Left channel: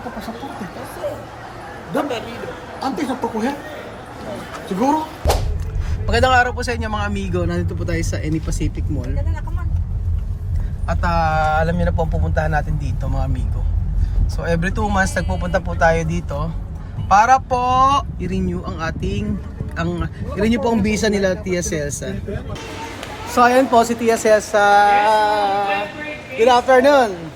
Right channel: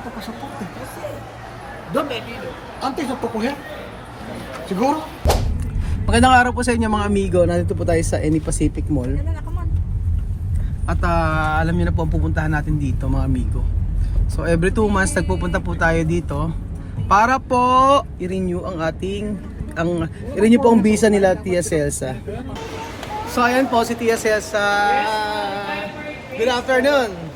ang papasaporte. Doon, antes na tukuhin. Siguro. Magandang araw po sa inyo mga amigo. Nandito po tayo sa Any Pacific Mall. At alam niyo na po ang pupuntahan natin dito mga amigo. So every 2 months nagpupunta po tayo dito para po i-renew ang i-renew po ang visa nila Tia Celsa. So ayan po si Tia Celsa. Good afternoon.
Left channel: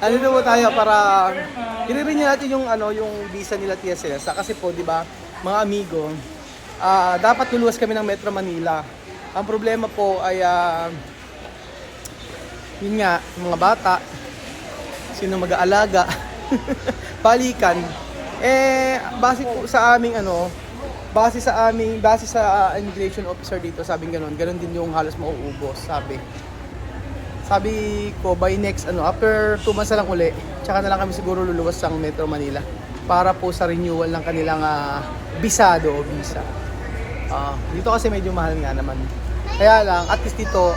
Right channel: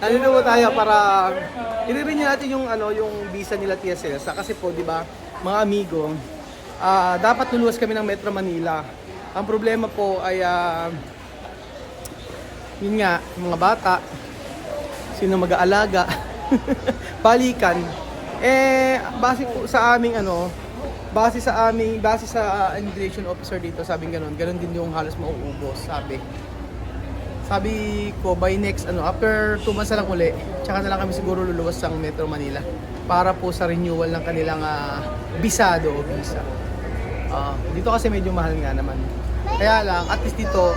Nandito po tayo para i-renew natin yung visa nila Tia Celsa kasi po 'di ba mga amigo, dapat luluwas kami ng Metro Manila. Ang problema po ay yun nga, mga bata, sino mag-aalaga, balikan. Base po sa aming base sa immigration officer dito, sabing ganun din yung halos mauubos, sabi ko by next after 2 months na lang uli, tsaka na lang kami siguro luluwas ng Metro Manila para po sa renewal ng kanilang visa. Dito kasi medyo mahal nga naman. Kaya lang, at least dito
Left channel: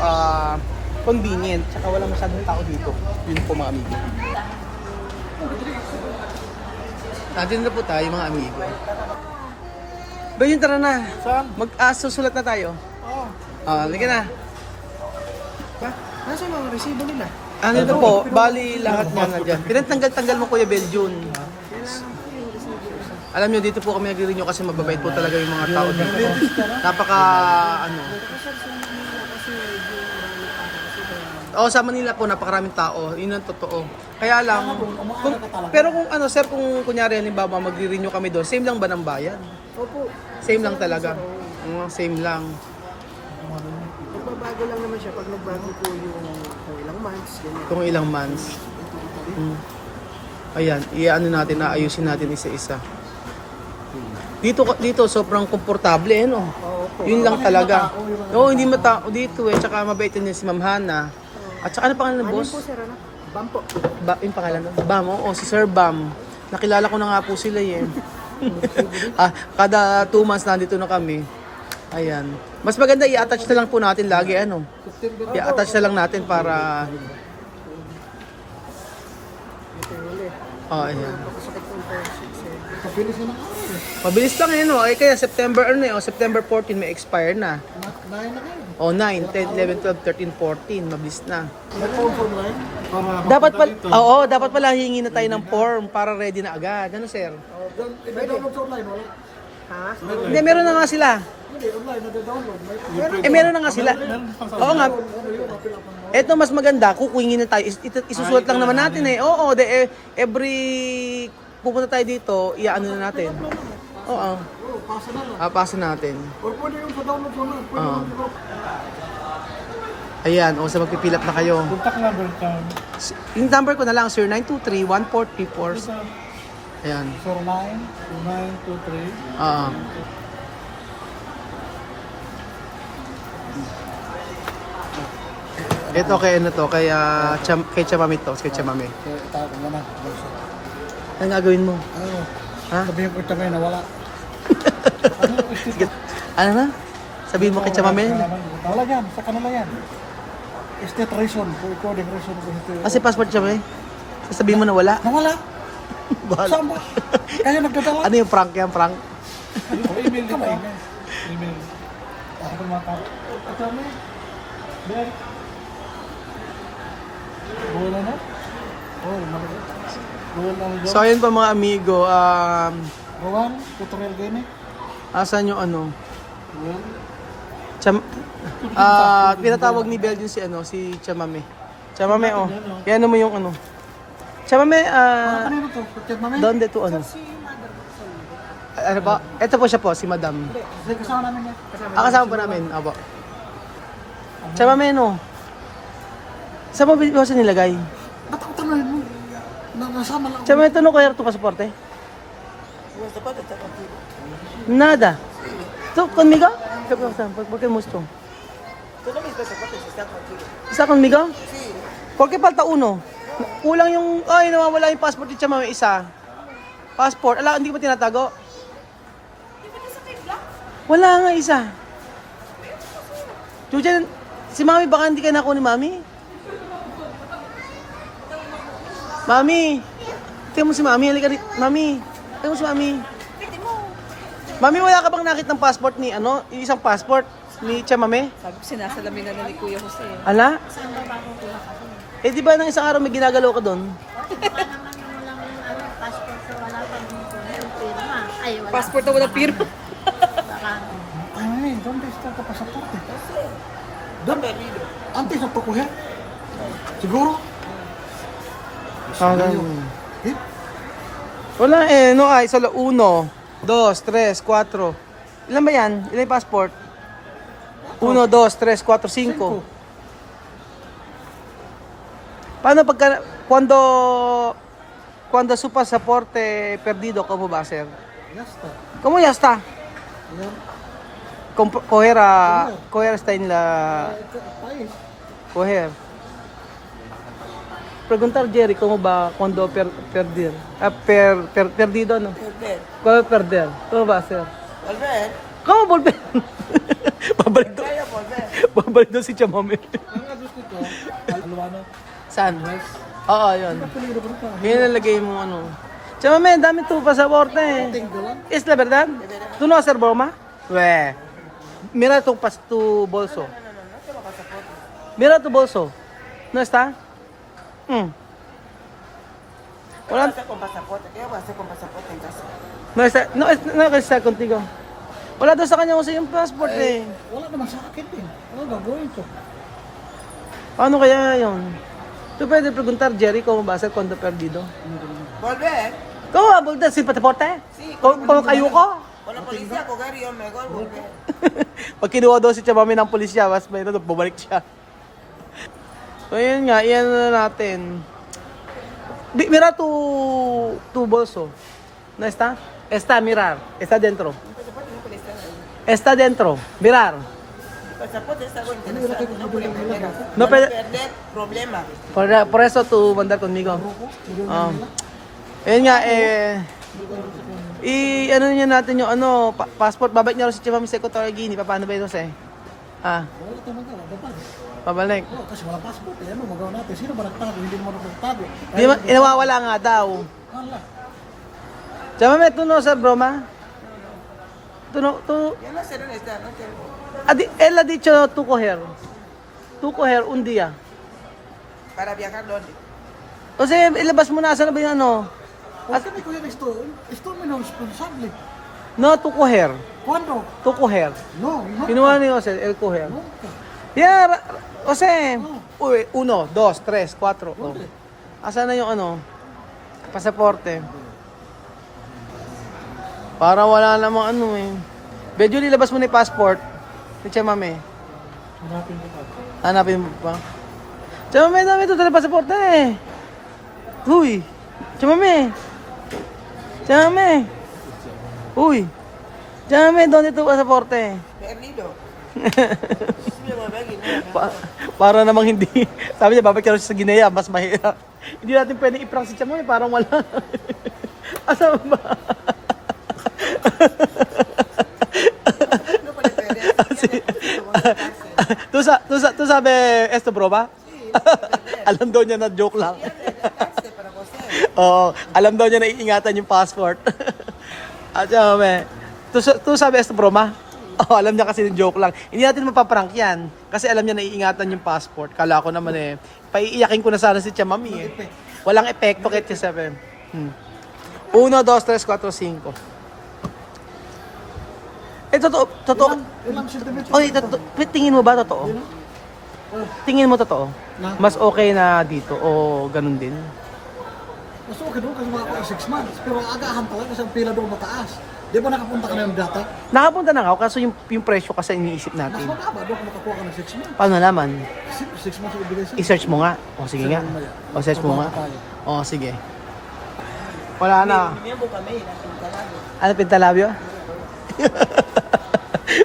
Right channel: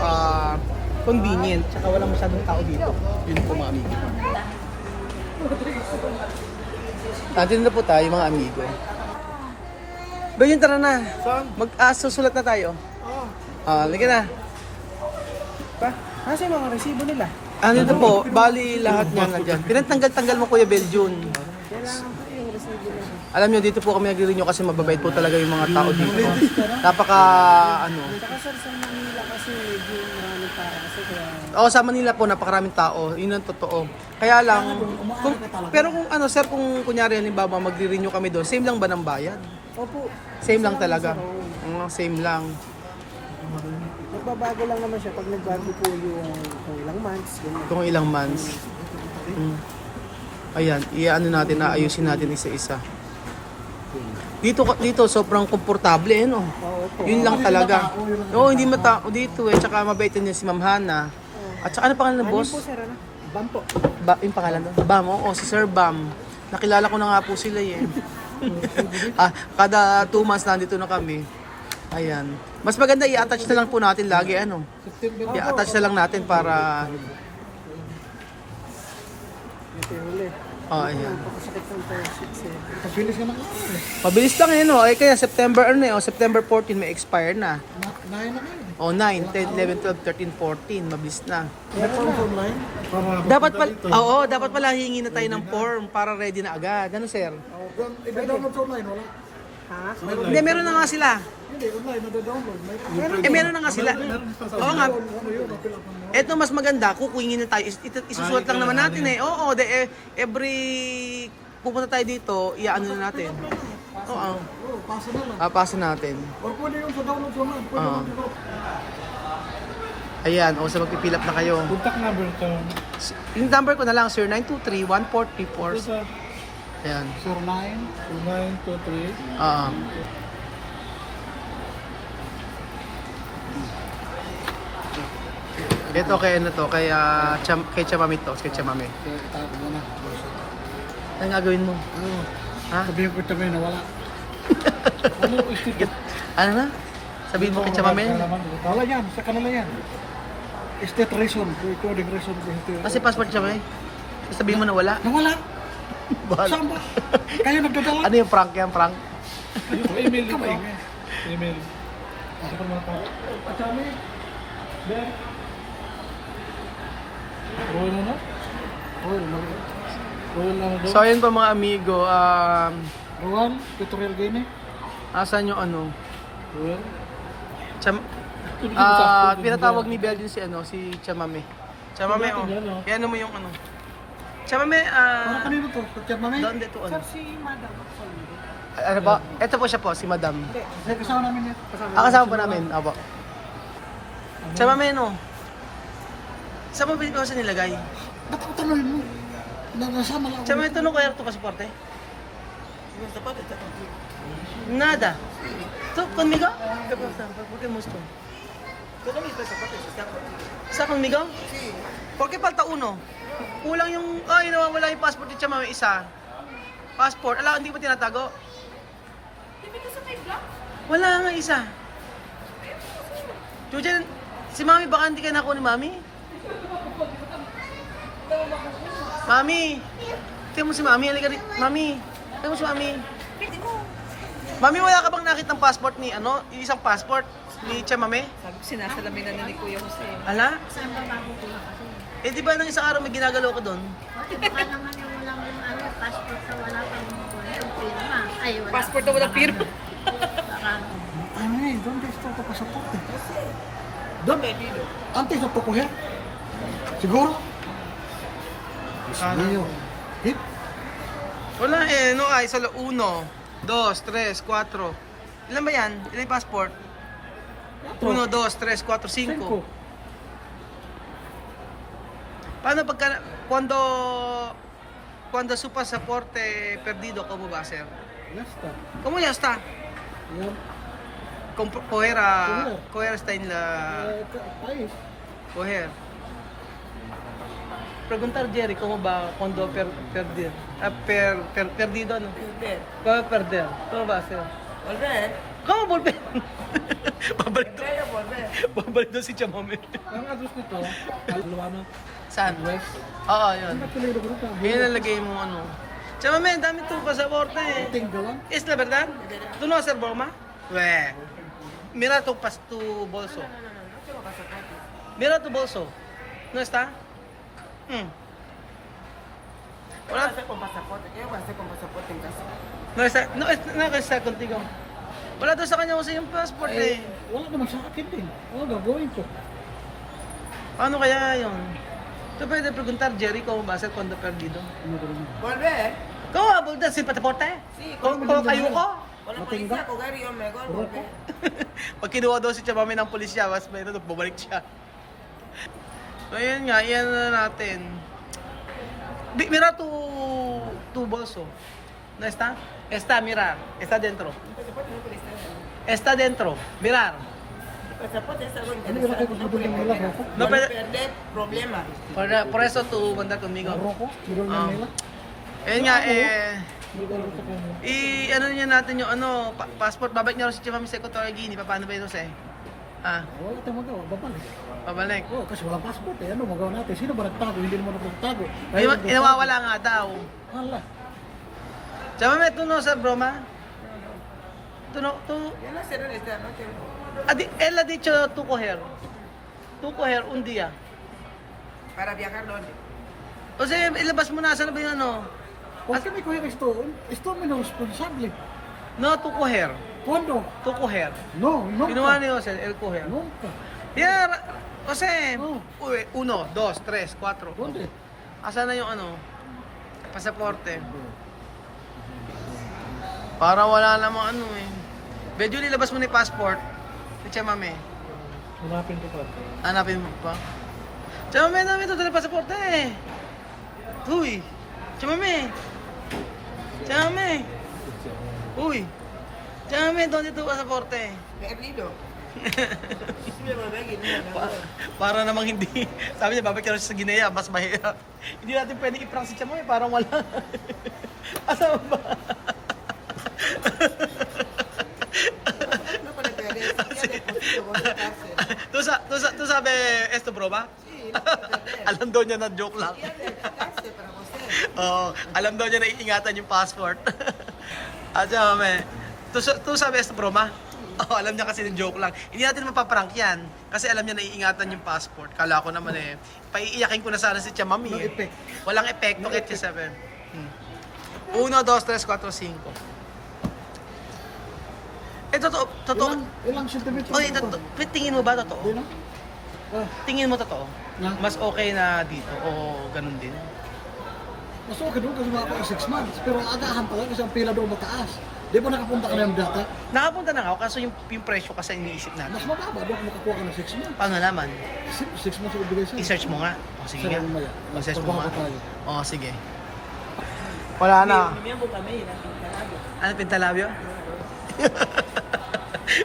convenient, saka walang masyadong tao dito. Yun po mga amigo. Nandito na po tayo mga amigo. Ganyan, tara na. Saan? Susulat na tayo. Oo. Halika na. Ba? Nasa yung mga resibo nila? Dito po, bali lahat niya nandyan. Pinatanggal-tanggal mo Kuya Beljun. Alam nyo, dito po kami nag-renew kasi mababait po talaga yung mga tao dito. Sa Manila po napakaraming tao, yun ang totoo. Kaya lang, pero kung sir, kung kunyari halimbawa magre-renew kami doon, same lang ba ng bayad? Opo. Same lang talaga. Same lang. Ibabago lang naman siya pag nagbago po yung ilang months. Kung ilang months. Ayan, ayusin natin isa-isa. Dito sobrang komportable no. Yun lang talaga. Hindi matao dito tsaka mabait din si Ma'am Hana. At saka ano pangalan ng boss? Bam po. Yung pangalan doon? Bam, si Sir Bam. Nakilala ko na nga po sila kada 2 months nandito na kami. Ayan. Mas maganda i-attach na lang po natin lagi I-attach na lang natin para ayan. Mabilis lang kaya September September 14 may expire na. 9, 10, 11, 12, 13, 14, mabilis na. Dapat pala hingi na tayo ng form para ready na agad. Ano sir? I-download sa online, wala? Ha? Hindi, meron na nga sila. Hindi, online, nade-download. Meron na nga sila. Oo nga. Ito mas maganda, kukuingin na tayo. Isusulat lang naman natin every pupunta tayo dito, i-ano na natin. Pasa na lang. Pasa natin. Or pwede yung sa download sa online. Ayan, sa magpipil up na kayo. Contact number ka. Yung number ko na lang, sir, 923-1434. Ayan. 092923. Ito kay Chamamit to, kay Chamamit. Itago mo na. Ano gagawin mo? Sabihin ko tabi na wala. Ano na? Sabihin mo kay Chamamit? Wala yan, sa kanila yan. State reason, recording reason. Kasi passport Chamamit? Sabihin mo na wala? Nawala. Saan ba? Kaya nagdadala. Ano yung prank yan, prank? Email ka ba? Email. Ako pa mata. Ito mo. Bilang. Roll na na? Roll na na. So ayun po mga amigo, Rowan, tutorial game asan yung Rowan. pinatawag ni Belgian si Chamame. Chamame yan mo yung Chamame, Kanino to? Mami? doon dito ano ba? Ito po siya po, si Madam. Kasama namin yan. Kasama po namin, abo. Chamame saan ba kasi nilagay? Ba't ako tanongin mo? Nasama lang ako. Chamame, ito kaya ito pasaporte? Nada. So, conmigo? ¿Por qué gusto? ¿Está conmigo? ¿Por qué falta uno? Kulang nawawala yung passport ni Chamame isa. Passport, hindi ba tinatago? Wala nga isa. Si Mami, baka hindi ka nakuha ni Mami? Mami! Kaya mo si Mami, halika dito. Mami! Kaya mo si Mami. Mami, wala ka bang nakitang passport ni, ano? Yung isang passport ni Tia Mami? Sabi ko, sinasalamin na ni Kuya Jose. Ala? Eh, di ba nang isang araw may ginagalaw ka doon? Passport na wala pirma. Ay, ¿dónde está tu pasaporte? ¿Dónde? Antes no tocó ya. ¿Seguro? ¿Eh? Wala eh, no ay, solo 1, 2, 3, 4. Ilan ba yan? Ilan yung passport? 1, 2, 3, 4, 5. Paano pagka, cuando su pasaporte perdido, ¿cómo va a ser? Ya está. ¿Cómo ya está? Ya. Coger está en la... País. Coger. Preguntar Jerry, ¿cómo va cuando perder? Perdido, ¿no? Volver. ¿Cuándo perder? ¿Cómo va a ser? Volver. ¿Cómo volver? Babalik doon. Kaya volver. Babalik doon si Chamami. Ang address nito, Alvano. Saan? West. Oo, yun. Apelido ko ito. Yun nalagay mo ano. Chamami, ang dami tu pasaporte eh. Tengo lang. ¿Es la verdad? ¿Tú no hacer broma? Weh. Mira tu bolso. Mira tu bolso. ¿No está? Wala. Hacer con pasaporte. ¿Qué voy a hacer con pasaporte en casa? No está contigo. Wala doon sa kanya kasi yung passport eh. Wala naman sa akin din. Ano gagawin ko? Paano kaya yun? Tú puedes preguntar Jerry cómo va a ser cuando perdido. Ano ko naman? Volver. ¿Cómo va a volver sin pasaporte? Sí, ¿Cómo kayo ko? Con la policía, coger y yo me voy volver. Pag kinuha daw si Chamami ng pulisya, mas may bumalik siya. So yun nga, iyan na natin. Mira tu bolso. ¿No está? Está, mirar. Está dentro. Está dentro. Mirar. El pasaporte está con Ano wala kayo bibili ng nila? No, pero, perder problema. por eso tú mandar conmigo. Roko? Bibili ng nila? Ayun nga, ano niya natin yung passport. Babalik niya rin si Chamami sa Equatorial Guinea. Paano ba ito siya? Wala tayong magawa. Babalik. Pabalik. Oo, kasi walang passport eh. Ano magawa natin? Sino ba nagtago? Hindi naman nagtago. Inawawala nga daw. Ala. Chamami, tú no hacer broma. Tú no, tú... Yo no sé dónde está, no sé. Él ha dicho tú coger un día. Para viajar dónde. O sea, ilabas mo na, saan ba yung ano? ¿Por qué me cogen esto? Esto es menos responsable. No, tú coger. ¿Cuándo? Tú coger. No, no. Kinuha ni Jose, el coger. Nunca. Yeah, o sea, Oh. 1, 2, 3, 4. ¿Dónde? Asan na yung pasaporte? Para wala namang eh. Medyo nilabas mo na yung passport. Ni Chamami. Hanapin ko pa. Hanapin mo pa. Chamami, dami ito tala pasaporte eh. Uy. Chamami. Uy. Chamami, ¿dónde tu pasaporte? Perdido. Sí me volví a Guinea. Para namang hindi. Sabi niya, babalik ka sa Guinea, mas mahirap. Hindi natin pwede i-prank si Chamami, parang wala. Asa ba? No para perder. Tu sabi, esto broma? Sí, Alam daw niya na joke lang. para usted. Oo, alam daw niya na iingatan yung passport. At Chamami, tu sabi esto broma? Oo, alam niya kasi yung joke lang. Hindi natin mapaprank yan. Kasi alam niya na iingatan yung passport. Kala ko naman paiiyakin ko na sana si Chamami eh. effect. Walang epekto kahit si Seven. 1, 2, 3, 4, 5. Eh, totoo. Ilang sentimeter? Oy, tingin mo ba totoo? Yun na? Tingin mo totoo? Na? Mas okay na dito o ganun din? Mas okay doon kasi mga 6 months. Pero agahan talaga kasi ang pila doon mataas. Di ba nakapunta ka na yung data? Nakapunta na nga ako kaso yung presyo kasi iniisip Mas natin. mababa doon kung makakuha ka ng 6 months. Paano naman? 6 months ang ibigay sa'yo. I-search mo nga. O sige nga. Mamaya. O search mo nga. Trabaho tayo. O sige. Wala na. Miembro kami ng Pintalabio. Ano pintalabyo?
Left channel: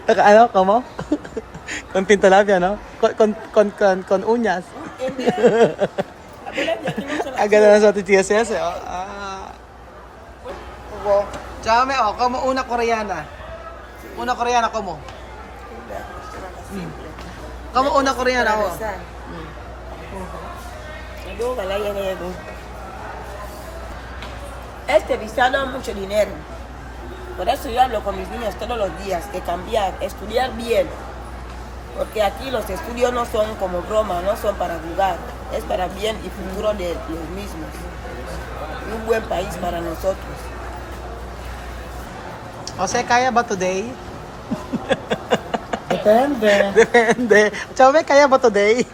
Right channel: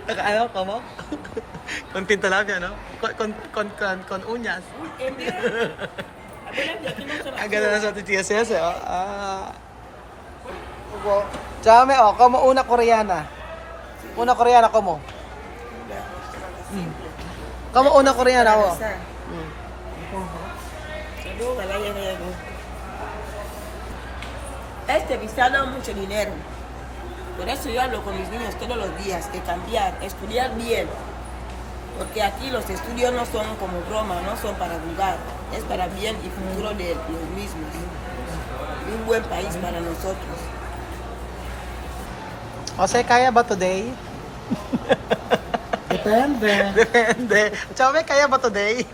Ano? Como? Con pintalabyo, no? Con uñas. Hindi. Ah, gano'n na sa TTSS eh. Chame, como una koreana. Una koreana, como? Como una koreana, ako. Ayo, wala yan na yan. Este visa da mucho dinero. Por eso yo hablo con mis niños todos los días, que cambiar, estudiar bien. Porque aquí los estudios no son como broma, no son para jugar. Es para bien y futuro de los mismos. Y un buen país para nosotros. Jose, kaya ba today? Depende. Depende. Chome, kaya ba today?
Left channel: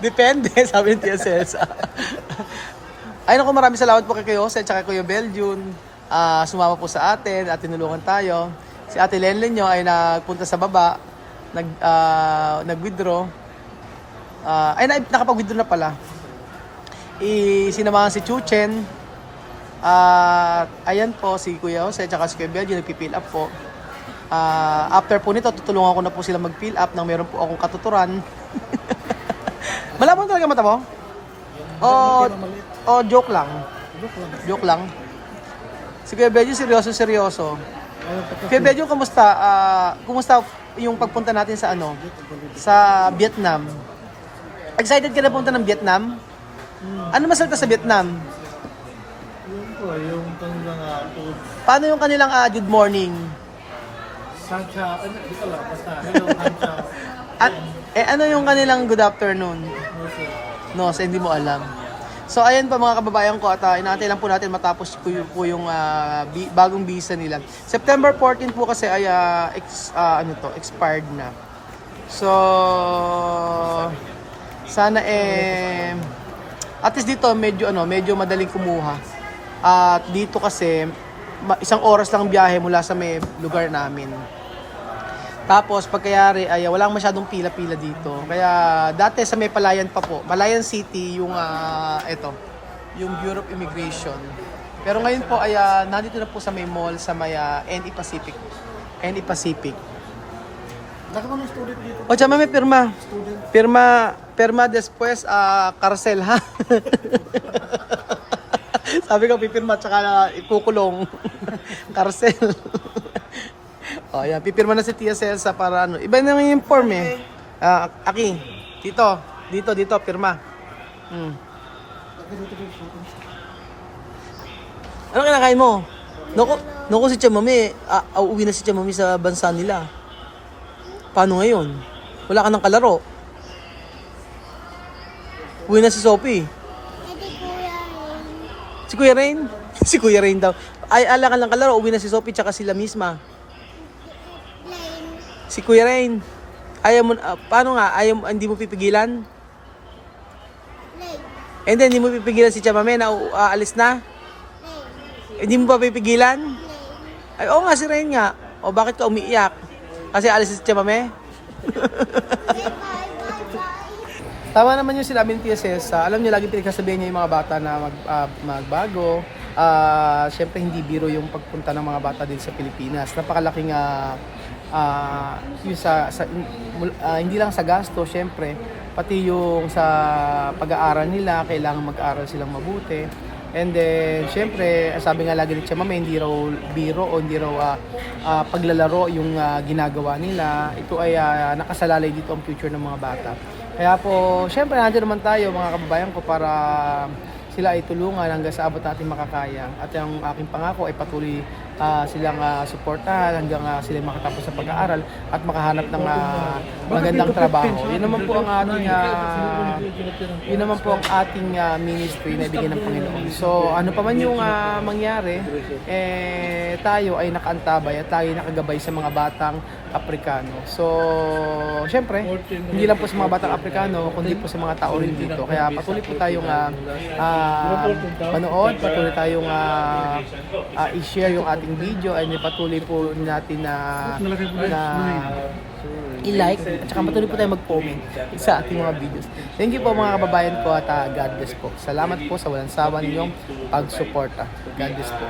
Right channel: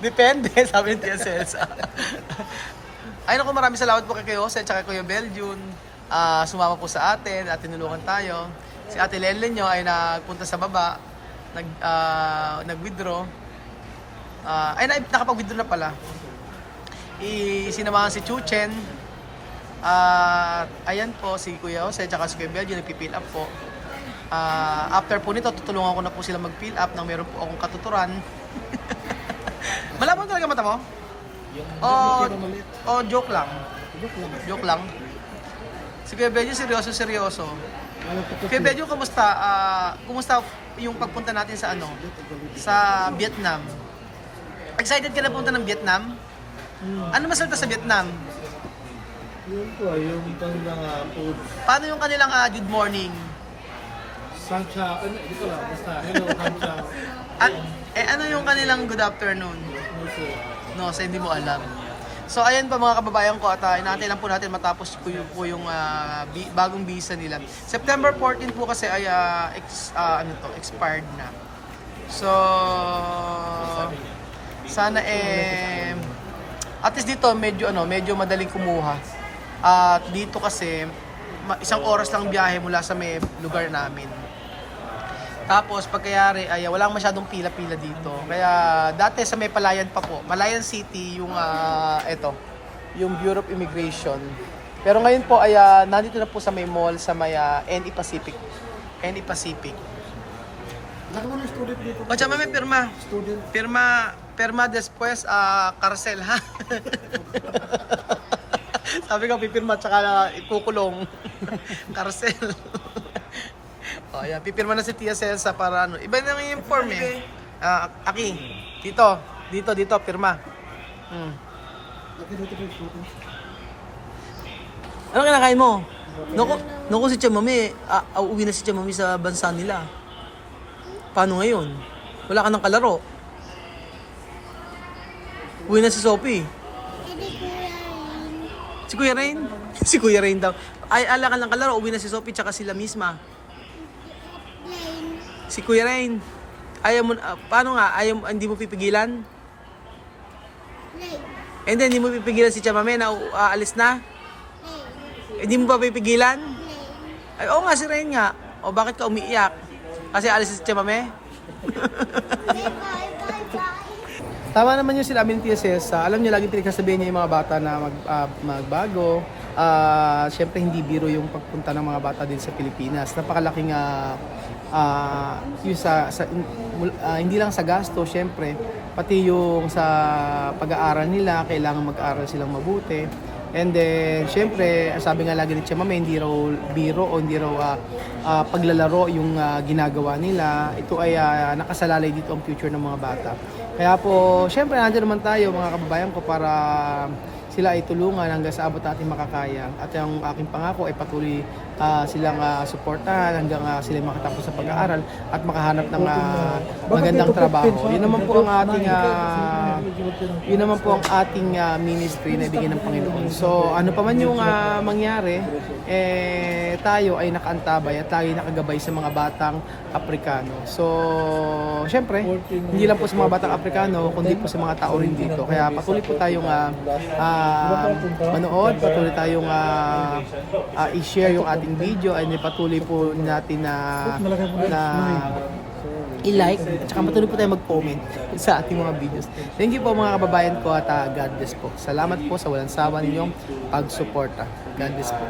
Depende, sabi ni Tia Celsa. Ay naku, maraming salamat po kay Jose at kay Kuya Beljun. Sumama po sa atin at tinulungan tayo. Si Ate Lenlen nyo ay nagpunta sa baba, nag-withdraw. Nakapag-withdraw na pala. Sinamahan si Chuchen. Ayan po, si Kuya Jose at si Kuya Beljun nagpipill up po. After po nito, tutulungan ko na po sila mag-fill up nang meron po akong katuturan. Malabo talaga mata mo? Joke lang. Joke lang. Si Kuya Beljun, seryoso. Kuya Beljun, kumusta? Kumusta yung pagpunta natin sa sa Vietnam? Excited ka na punta ng Vietnam? Ano masalita sa Vietnam? Yung kanilang food. Paano yung kanilang good morning? Sancha, hindi ko lang, basta hello, Sancha. At, ano yung kanilang good afternoon? No, sir. No, hindi mo alam. So ayan pa mga kababayan ko at inaantay lang po natin matapos po yung bagong visa nila. September 14 po kasi ay expired na. So sana at least dito medyo madaling kumuha. At dito kasi isang oras lang biyahe mula sa may lugar namin. Tapos pagkayari ay walang masyadong pila-pila dito. Kaya dati sa may Palayan pa po, Malayan City yung yung Bureau of Immigration. Pero ngayon po ay nandito na po sa may mall sa may NE Pacific. NE Pacific. Laki mo ng student dito. O tsama may pirma. Student. Pirma después Carcel ha. Sabi ko pipirma tsaka ikukulong. Carcel. O yan, pipirma na si Tia Celsa para iba na yung form eh. Aki, dito, pirma. Ano kinakain mo? Naku si Tia Mami, uuwi na si Tia Mami sa bansa nila. Paano ngayon? Wala ka ng kalaro. Uwi na si Sophie. Si Kuya Rain? Si Kuya Rain daw. Ay, ala ka ng kalaro, uwi na si Sophie tsaka sila misma. Si Kuya Rain. Ayaw mo, paano nga? Hindi mo pipigilan? And then, hindi mo pipigilan si Chamame na aalis na? Hindi mo pa pipigilan? Ay, oo nga, si Rain nga. O bakit ka umiiyak? Kasi alis si Chamame? Tama naman yung sinabi ni Tia Celsa. Alam niyo, lagi pinagsasabihin niya yung mga bata na magbago. Siyempre, hindi biro yung pagpunta ng mga bata din sa Pilipinas. Napakalaking hindi lang sa gasto, syempre, pati yung sa pag-aaral nila, kailangan mag-aaral silang mabuti. And then, syempre, sabi nga lagi ni Tia Mami, hindi raw biro o hindi raw paglalaro yung ginagawa nila. Ito ay nakasalalay dito ang future ng mga bata. Kaya po, syempre, nandiyan naman tayo mga kababayan ko para sila ay tulungan hanggang sa abot natin makakaya. At yung aking pangako ay patuloy silang suportahan hanggang sila makatapos sa pag-aaral at makahanap ng magandang trabaho. Yun naman po ang ating ministry na ibigay ng Panginoon. So ano pa man yung mangyari, tayo ay nakaantabay at tayo nakagabay sa mga batang Aprikano. So syempre, hindi lang po sa mga batang Aprikano, kundi po sa mga tao rin dito. Kaya patuloy po tayong manood, patuloy tayong i-share yung ating video, ay patuloy po natin na i-like at saka patuloy po tayo mag-comment sa ating mga videos. Thank you po mga kababayan ko at God bless po. Salamat po sa walang sawa ninyong pagsuporta. God bless po.